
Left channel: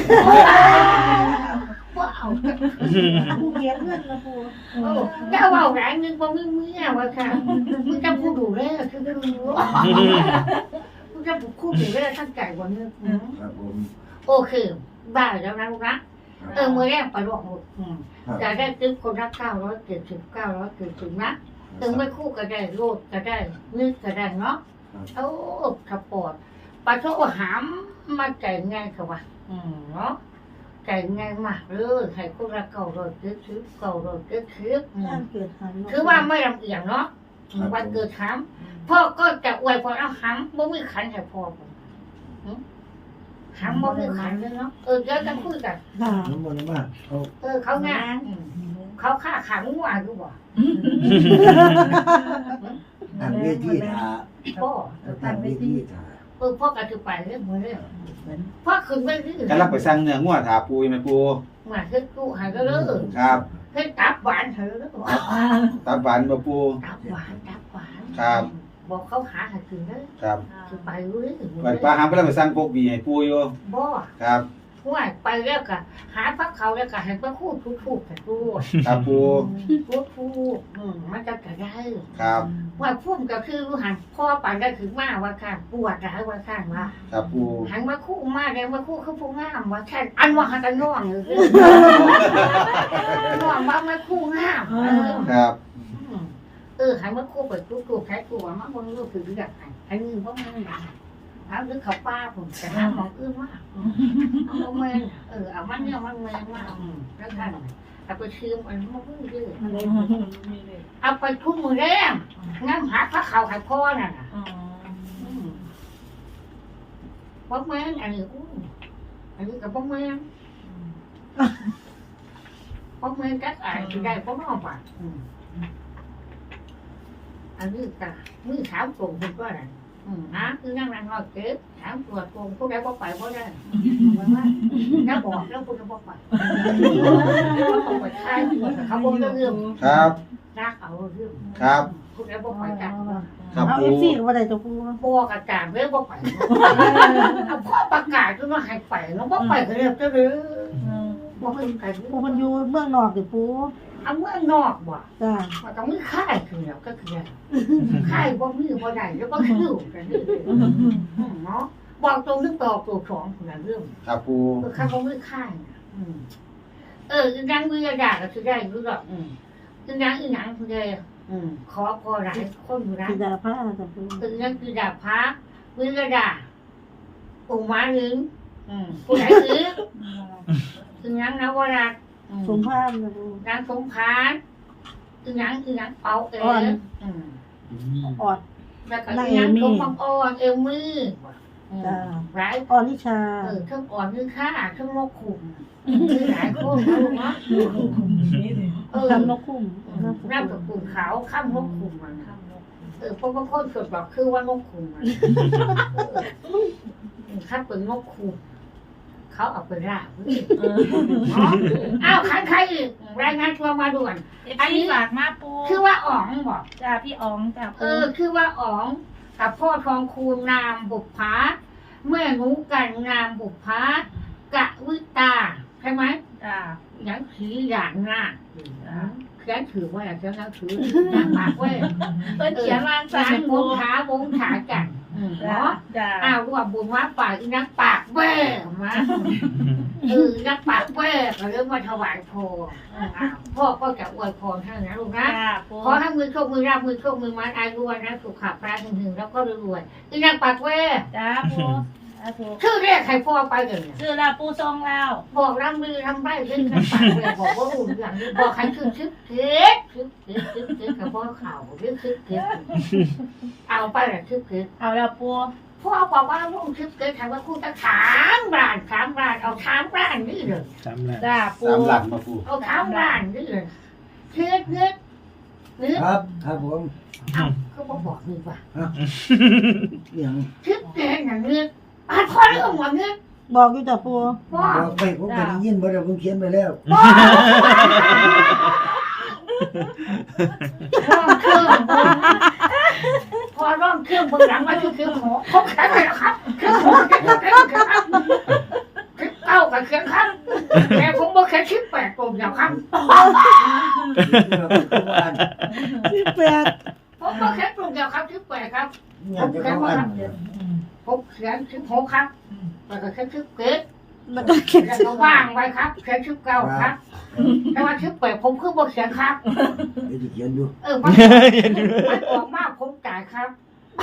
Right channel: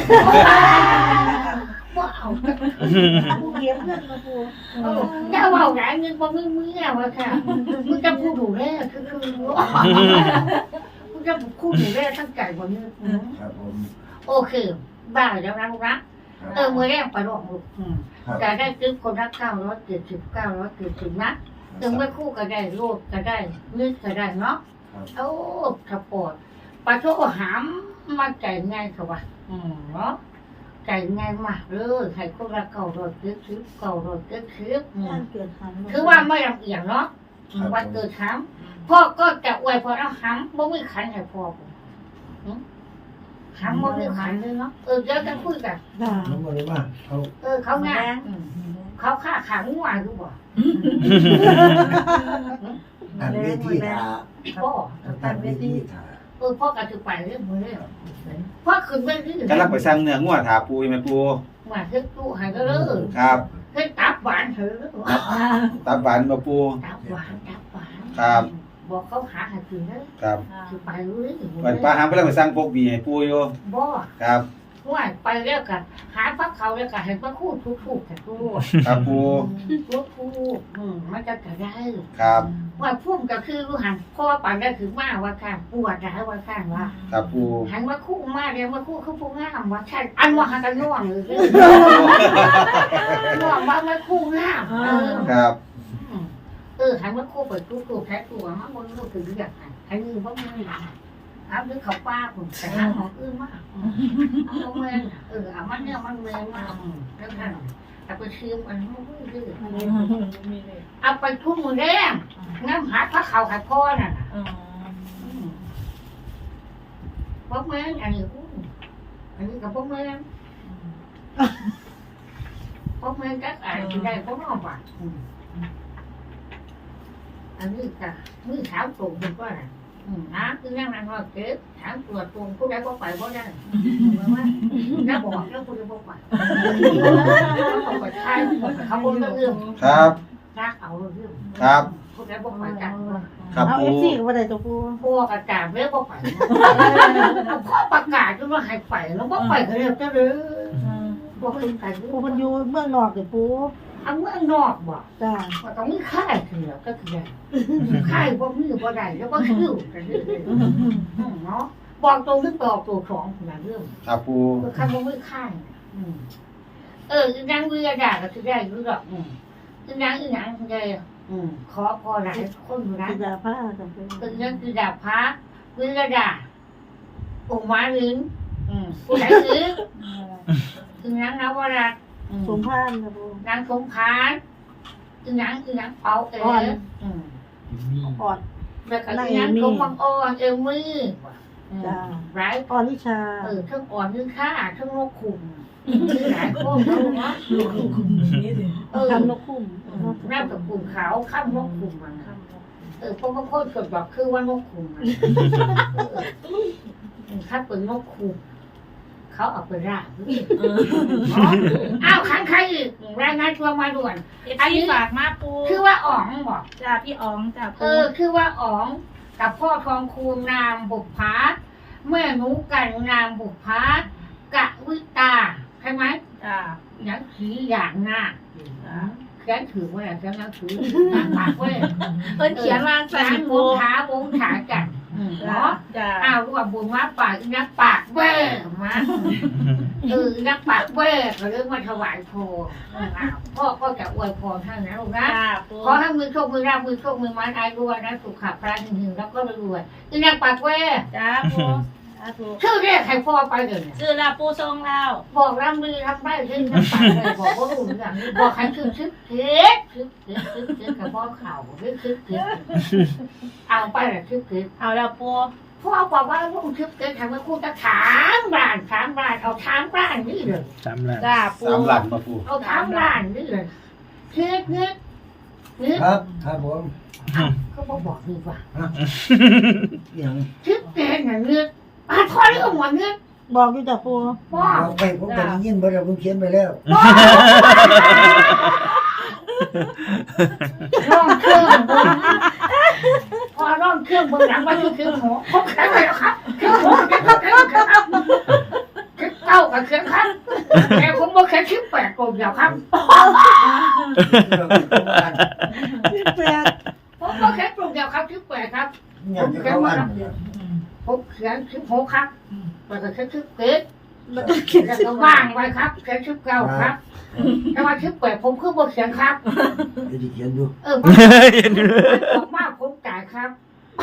S1: ว่าเอา
S4: ปูเก็บเงินมาปู
S1: เออเจ้าเอาหลายเงินว่ามือมือวะค่ะมึงจะพูดดูแลคือคือรู้มึงจะพูดดูแลตั้งใจวันนี้
S3: ครับผม
S1: โอเคบ้าแล้วนะลูกนะเออมือแรกไปลองลูก
S3: ครับ
S1: จะได้ซื้อคนละเก้าร้อยเจ็ดสิบเก้าร้อยเจ็ดสิบนะถึงไม่คู่ก็ได้รูดก็ได้นึกก็ได้เนาะโอ้สปอร์ตปลาโชหามมาใจง่ายค่ะวะอืมเนาะใจง่ายมากเลยให้คนละเก้าร้อยเจ็ดสิบเก้าร้อยเจ็ดสิบอืม
S4: เปลี่ยนหัน
S1: คือว่าไม่ลำเอียงเนาะอืมวันเกิดหามพ่อก็จะอวยพรเอาหามบ่มีขันให้พ่อผมอืมหามบ่มีขันเลยเนาะเออเดี๋ยวจะคุยกัน
S3: น้ำมันเลยว่าเอา
S1: เออเขาง่ายอืมเขาฆ่าขังงัวอยู่บ่
S3: อันเวทีถา
S1: พ่อ
S3: อันเวทีถา
S1: เออพ่อกระถือไปเรื่องมือเลยพ่อขึ้นไปที่
S2: กำลังไปสั่งเนื้องัวถาปูไหมปู
S1: มาเฮ็ดตู้หายก็เลย
S2: ครับ
S1: เฮ็ดตับหวานเถอะ
S2: ตับหวานมาปู
S1: ตับหวานตับหวาน
S2: ครับ
S1: บอกเขาหาให้กินเลย
S2: ครับ
S1: คือไปรู้เลย
S2: ไปปลาหางไปแล้วไปสั่งพวกบีให้ปูอยู่
S1: บ่
S2: ครับ
S1: ห่วยไปแล้วก็หาพักเขาแล้วก็ให้พระคู่ทุกๆกันตู้
S2: ครับปู
S1: ทุกๆอืมมันจะกระได้
S2: ครับ
S1: ว่าพุ่มก็คือรู้หันพ่อไปได้ถึงมาว่าข้างปวดร้ายว่าข้างว่า
S2: ครับปู
S1: หันมาคู่มาเลยมาคู่เขาผู้งามว่าใช่อันว่าหันกันน่วงเลยน่วงว่ามาคู่งามเออ
S2: ครับ
S1: เออหันมาคู่เปิดคู่คู่แค่ตัวมาคนรู้ถึงอยากหันหันมือเพราะมือเอาดึงเขาป้าผมแต่หาของอื่นมากเอาเมนเออเอามันเนี่ยมันเมนมากแล้วท่านเอาไปชิมอันนี้มาพูดด้วยเอาไปทุ่มมือแดงงั้นหาพระเขาหายพ่อน่ะพ่อแม่อันนี้อันนี้กับพ่อแม่พ่อแม่กักอะไรที่ได้พ่อน้องป่ะอันนี้กับมือขาวตรงคุณก็อะไรนะคือนั่งนั่งนอนเก็บถามตรวจตรงผู้ใดพ่อไปพ่อได้แล้วบอกแล้วผู้ใดพ่อไปต้องไปใช้เขาบนเรื่อง
S2: ครับ
S1: รักเอาเรื่อง
S2: ครับ
S1: ผู้ใดพ่อไปกัน
S2: ครับ
S4: เอา
S2: ปู
S4: เอฟซีก็บ่ได้ตัวปู
S1: พวกอาจารย์เรียกพ่อไปพ่อประกาศว่าให้ไปแล้วพ่อไปก็เรียกเจ้าเลยบอกให้ไป
S4: ปูมันอยู่เมืองนอกอยู่ปู
S1: เอาเมื่อนอกบ่
S4: จ้า
S1: มันก็มือค่ายคือแล้วก็คือค่ายบ่มือบ่ได้แล้วก็คิวกันเรื่อยๆเนาะบอกตรงนึกตอบตัวสองคนละเรื่อง
S2: ครับปู
S1: คือค่ายบ่มือค่ายเอออีนางวิยาดาก็คือได้รู้ดอกอืมอีนางอีนางคือได้อืมขอพอหลายคนอยู่นะ
S4: สิดาผ้าจ้ะปู
S1: คือนั่นคือดาบพระวิยาดาองค์ม้าลึงอืมผู้ไหนลึงคือนางนวรัตน์
S4: สมพานนะปู
S1: นางสงพานคือนางคือนางเปาเอ๋อืม
S4: อ่อน
S1: แล้วก็คือนางสมบังอ่อนเอวมืออืม
S4: จ้า
S1: ร้าย
S4: อ่อนนิชา
S1: เออทั้งอ่อนทั้งข้าทั้งโรคขุ่มมีหลายโคตรนะลูกเนาะเออ
S4: คำนกคุ้ม
S1: น้ำกับกลุ่มขาวข้ามนกขุ่มมันเออเพราะว่าพ่อสดบอกคือว่านกขุ่มมันข้าเป็นนกขุ่มเขาเอาไปราบอ้าวขันใครอีกรายงานตัวมาด่วน
S6: อันนี้ฝากมาปู
S1: คือว่าอ๋องบอก
S6: จ้าพี่อ๋องจ้า
S1: เอ
S6: ปู
S1: อคือว่าอ๋องกับพ่อทองคูณนามบุพภาเมื่อหนูกันนามบุพภากะวิตาใช่ไหม
S6: จ้า
S1: อย่างสีอย่างหน้าเขียนถือว่าอย่างนั้นถือหน้าปากเว้ย
S6: เพิ่นเขียนว่า
S1: สา
S6: จ้าม
S1: ว
S6: ปู
S1: งขาวงขากันอือืม
S6: จ้า
S1: เนาะ
S6: จ้า
S1: อ้าวรวมบุญมาปากอีนักปากแว่มาเออนักปากแว่เขาเรียกว่าถวายพรอืมอ้าวพ่อก็จะอวยพรท่านนะลูกนะ
S6: จ้าปู
S1: ขอให้มือโชคมือราบมือโชคมือไม้อายุวันนะสุขภาพพระหึงหึงแล้วก็รวยๆอีนักปากแว่
S6: จ้าปูสาธุ
S1: ชื่อแรกใครพ่อไปเลยเนี่ย
S6: ชื่อลาปูทรงแล้ว
S1: บอกรำมือทำได้ชื่อนักปากแว่บอกว่าอุ่นอย่างนี้บอกใครชื่อชื่อเท็ดชื่อเท็ดชื่อเท็ดกับพ่อเข่าหรือชื่อเท็ดเอาไปละชื่อเท็ด
S6: เอาแล้วปู
S1: พ่อบอกว่าลุงชื่อเท็ดทำว่าคุณจะถามบ้านถามบ้านเอาถามบ้านนี่เลย
S5: สามล้าน
S6: จ้าปู
S2: สามหลังมาปู
S1: เอาถามบ้านนี่เลยเท็ดเท็ดเท็ด
S3: ครับครับผม
S1: เอาเขาบอกบอกดีกว่า
S3: อย่าง
S1: ชื่อเท็ดอย่างนี้อ่ะพ่อเรื่องหัวนี้
S4: บอกอยู่จ้ะปู
S1: พ่อ
S3: บอกไปผมก็ได้ยินบ่ได้ผมเขียนไปแล้ว
S1: ร่องเครื่องบนพอร่องเครื่องบนหลังมาคือเครื่องหัวครบแข็งเลยครับเครื่องหัวเครื่องเครื่องเครื่องครับเครื่องเก้ากับเครื่องครับแต่ผมบอกแค่ชิปแปดกลมเดียวครับ
S4: พี่แปด
S1: ผมบอกแค่กลมเดียวครับชิปแปดครับ
S3: อ
S1: ผ
S3: ยาก
S1: ม
S3: จะ
S1: เขียน
S3: เข้า
S1: มา
S3: อัน
S1: ครับผมเขียนชิปหกครับแล้วก็แค่ชิปเกต
S4: แล้วก็เขียน
S1: แล้ว
S4: ชื่
S1: ก็
S4: อ
S1: ว่างไว้ครับแค่ชิปเก้าครับแต่ว่าชิปแปดผมคือบอกเขียนครับ
S3: ไอ้ที่เขียนอยู่
S1: เออมันมันออกมาผมจ่ายครับ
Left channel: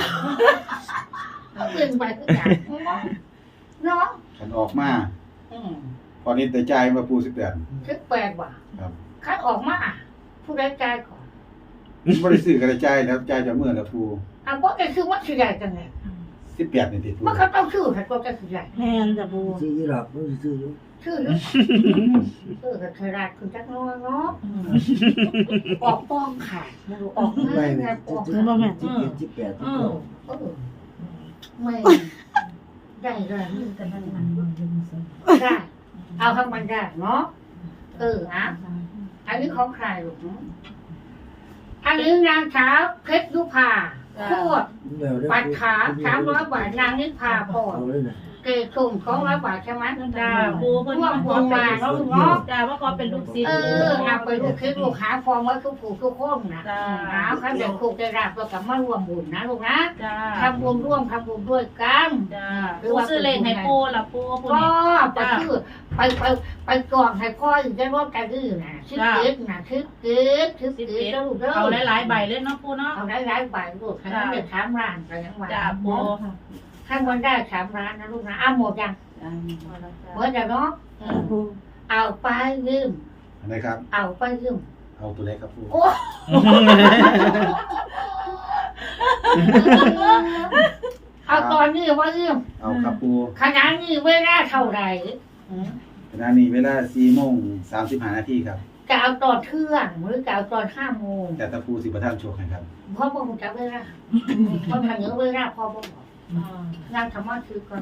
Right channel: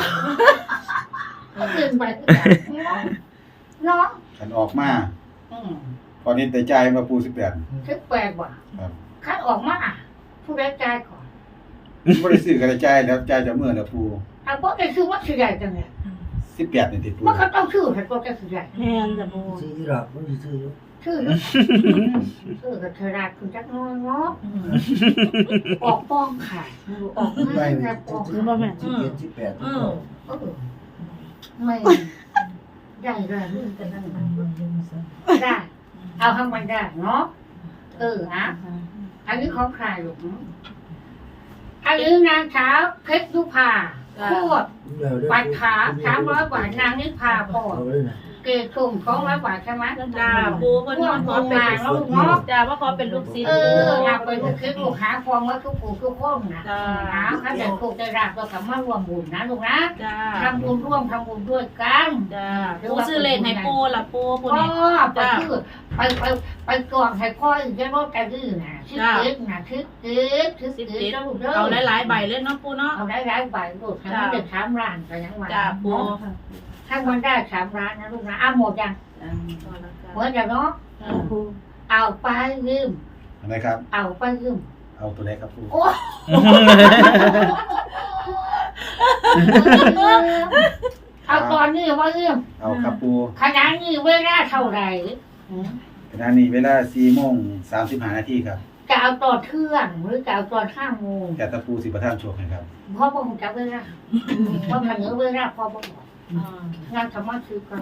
S1: เกินไปก็จ่ายเนาะ
S2: ขันออกมา
S1: อืม
S2: ตอนนี้แต่ใจมาปูสิบแปด
S1: คิดแปลกว่ะ
S2: ครับ
S1: คัดออกมาผู้ใดจ่ายก่อน
S2: ไม่ได้ซื้อกันใจายแล้วใจายจะเมื่อนะปู
S1: อ่ะเพราะไอ้คือว่าสิใหญ่จังไง
S2: สิบแปดนี่ติดปู
S1: มันก็ต้องชื่อให้ตัวจะสิใหญ่
S4: แทนจ้ะปู
S3: ซื้ออยู่หรอกผมสิซื้ออยู่
S1: ชื่อหรือชื่อกับเธอราดคุณจักน้อยเนาะออกป้องขาดไม่รู้ออกง่ายนะออก
S3: ซื้อมาแม่สิบเจ็ดสิบแปด
S6: อืม
S1: เออไม่ได้เลยได้เอาให้มันได้เนาะเอออ่ะอันนี้ของใครลูกอันนี้นางสาวเพชรยุพาโคตร ปัดขาสามร้อยบาทนางนิพาพร
S3: เอาเลยนะ
S1: เกศสุ่มสองร้อยบาทใช่ไหม
S6: จ้าปูเพิ่น
S1: ร่วม
S6: มาข
S1: บุ
S6: อ
S1: ญ
S6: เป็
S1: มาน แล้ว
S6: ลู
S1: ลู
S6: ก
S1: กเนาะ
S6: จ้าว่าขอเป็นลูกศิษย์
S1: เออมาไปลูกคิดลูกหาความว่าทุกผู้ทุกคนนะ
S6: จ้า
S1: นะเขาจะถูกจะรับตัวกับมาร่วมบุญนะลูกนะ
S6: จ้า
S1: ทำบุญร่วมทำบุญด้วยกัน
S6: จ้าปูซื้อเลขให้ปูล่ะปูปู
S1: ก็
S6: นี่
S1: ไปคือไปไปไปกองให้พ่ออีกได้รถกันดื้อนะชิดเกิดนะชิดเกิดชิดเกิดแล้วลูกเด้อ
S6: เอาหลายๆใบเลยเนาะปูเนาะ
S1: เอาได้หลายใบลูกให้มันได้สามล้านไปยังไง
S6: จ้าปู
S1: ถ้ามันได้สามล้านนะลูกนะเอาหมดยังหมดแล้วเนาะ
S4: จ้ะปู
S1: เอาไปยืม
S2: อะไรครับ
S1: เอาไปยืม
S2: เอาตัวเล็กครับปู
S1: โอ้เอาตอนนี้ว่ายืม
S2: เอาครับปู
S1: ขนาดนี้เวลาเท่าไหร่อืม
S2: ขณะนี้เวลาสี่โมงสามสิบห้านาทีครับ
S1: จะเอาตอนเที่ยงหรือจะเอาตอนห้าโมง
S2: แต่ตะปูสิประทานโชคให้ครับ
S1: พ่อบอกจะเวลาเพราะมันเหนือเวลาพ่อบอกงานธรรมะคือกัน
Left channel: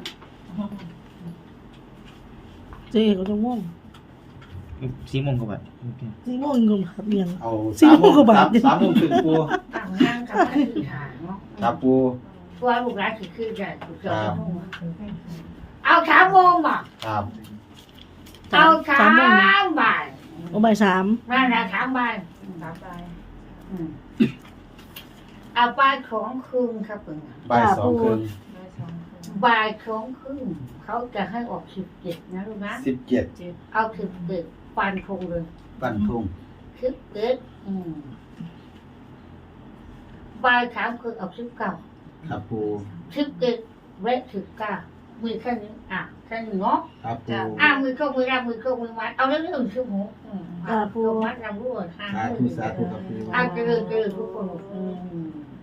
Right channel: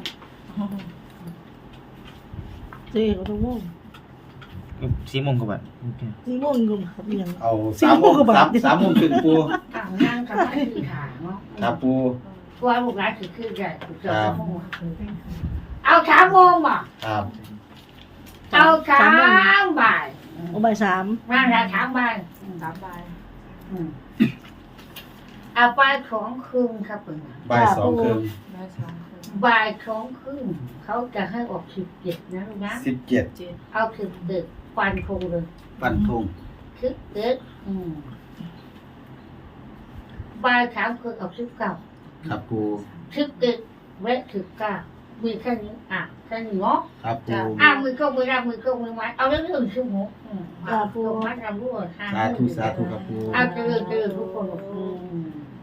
S4: สี่ก็จะม่วง
S5: สี่โมงกว่าบาท
S4: สี่โมงก็ครับเรียน
S2: เอาสามโมง
S4: สี่โมงกว่า
S2: สา
S4: บาม ท
S2: สามโมงถึงปู
S1: ต่างงานธรรมะคือหาเนาะ
S2: ครับปู
S1: ตัวลูกหลานคือคือใหญ่คือเจ้าโมงเอาสามโมงบ่
S2: ครับ
S1: เอาสามบ่าย
S4: โอ้ใบายสาม
S1: มาละสามบ่าย
S6: สามใบ
S1: อืมเอาบ่ายของคืนครับเพิ่นน่ะ
S2: บ่ายสองครึ่ง
S1: บ่ายของคืนเขาจะให้ออกสิบเจ็ดนะลูกนะ
S2: สิบเจ็ด
S1: เอาสิบเจ็ดฟันคงเลย
S2: ปันทุ่ง
S1: สิบเจ็ดอืมบ่ายสามคือเอาสิบเก้า
S2: ครับปู
S1: สิบเจ็ดเวทสิบเก้ามีแค่นี้อ่ะแค่นี้เนาะ
S2: ครับปู
S1: อ่ะมือโชคมือรับมือโชคมือไม้เอาเรื่องเรื่องชั่วโมงอืมอ่ะโชคมัดรำรวดทาง
S2: สาธุสาธุครับปู
S1: อ่ะเจริญเจริญทุกคนอืม